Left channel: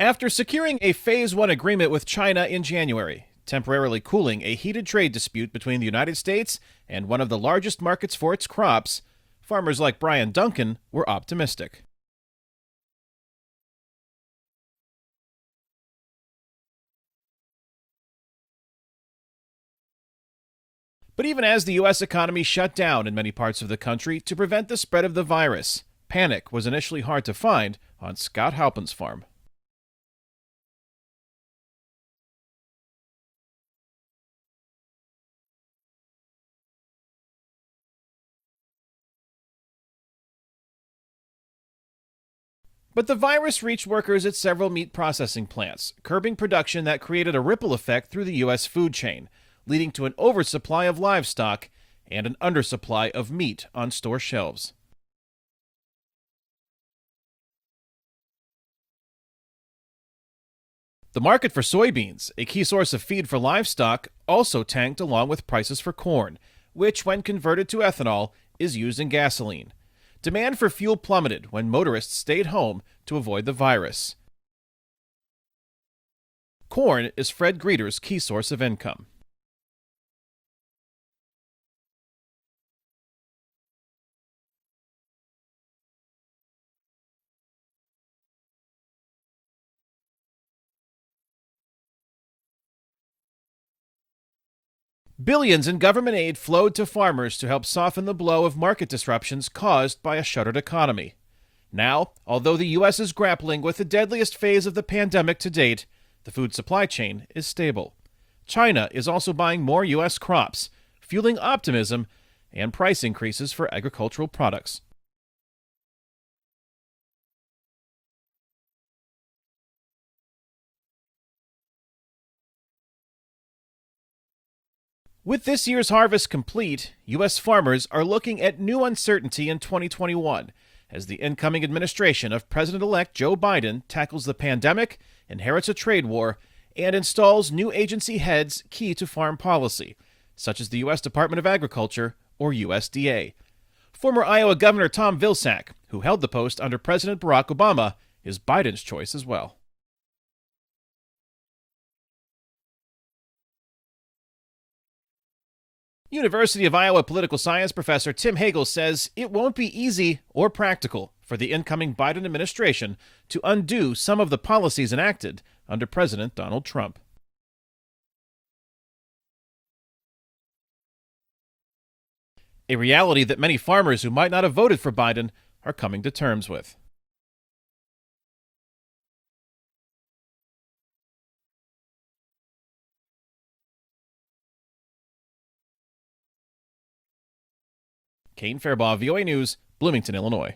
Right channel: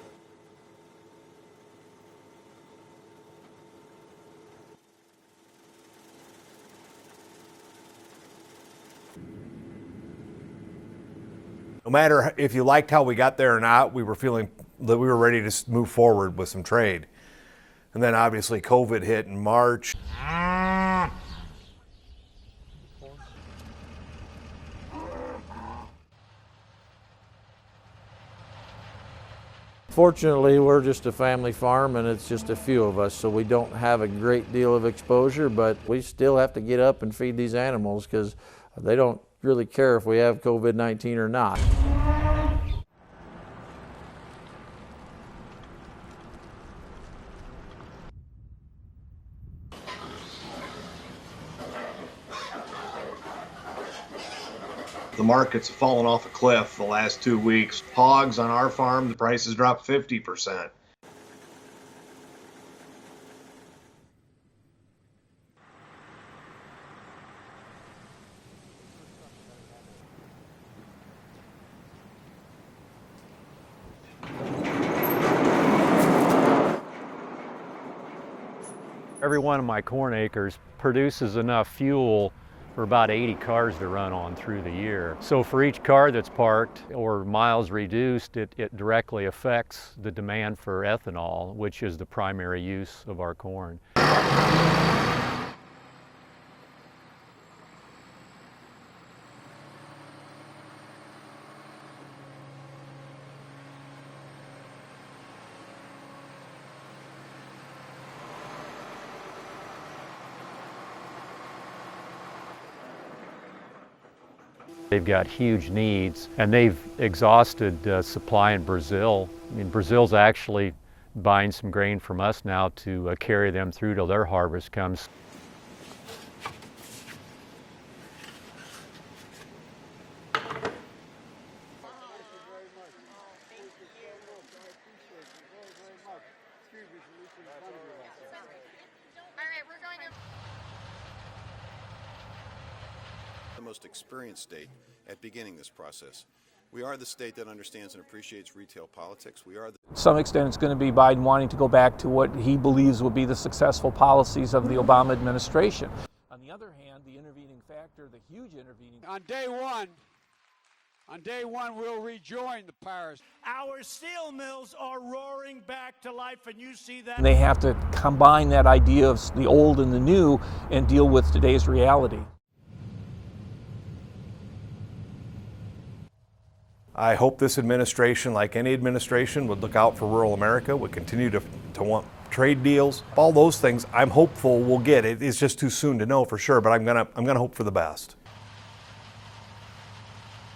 After securing a Phase 1 agreement with China in January, temporarily cooling a heated trade dispute between the United States and one of the largest markets for its crops, farmers like Brian Duncan were optimistic. No matter if you liked how we got there or not, we were feeling that we were ready to move forward with some trade. And then obviously COVID hit in March. But even as the U.S. economy shut down in many parts of the country to prevent the spread of the virus, panic was initially hard to find on Scott Halpin's farm. Fortunately, we're just a family farm and it's just a few of us, so we don't have a great deal of exposure, but we still have to get up and feed these animals because they don't really care if we have COVID-19 or not. But the virus reached workers at several meat processing plants, curbing production that created a ripple effect through the U.S. food chain, leading to an oversupply of livestock and an undersupply of meat on store shelves. The markets have fallen off a cliff the last 2 weeks. Hogs on our farm, the prices dropped 50%. The market for soybeans, a key source of feed for livestock, also tanked along with prices for corn, which, when converted to ethanol, is used in gasoline. Demand for fuel plummeted when motorists stayed home to avoid the virus. Corn is Fred Greeter's key source of income. Every one of my corn acres produces enough fuel for about 80 cars to run on through the year. So for each car that's parked or miles reduced, it directly affects the demand for ethanol, which is the primary use of our corn. Billions in government aid flowed to farmers to help soften the blow of market disruptions caused by a shuttered economy. Now, although the U.S. is grappling with the deadliest phase of the pandemic to date, the food supply chain is stable. China is also buying more U.S. crops, fueling optimism and price increases for agricultural products. They've got huge needs, and they've exhausted supply in Brazil. I mean, Brazil's actually buying some grain from us now to carry them through till their harvest comes. With this year's harvest complete, U.S. farmers are looking at new uncertainty in 2021 as the incoming administration of President-elect Joe Biden tackles the pandemic, inherits a trade war, and installs new agency heads key to farm policy, such as the U.S. Department of Agriculture, or USDA. Former Iowa Governor Tom Vilsack, who held the post under President Barack Obama, is Biden's choice as well. To some extent, it's going to be Biden wanting to go back to what he believes will be the successful policies of the Obama administration. University of Iowa political science professor Tim Hagel says it won't be easy or practical for the incoming Biden administration to undo some of the policies enacted under President Donald Trump. And they have to combine that idea of the old and the new and deal with today's reality. A reality that many farmers who might not have voted for Biden are coming to terms with. I hope this administration, like any administration, would look out for rural America, would continue to want trade deals. All those things I'm hopeful we'll get. It's just too soon to know for sure, but I'm gonna hope for the best. Kane Fairbaugh, VOA News, Bloomington, Illinois.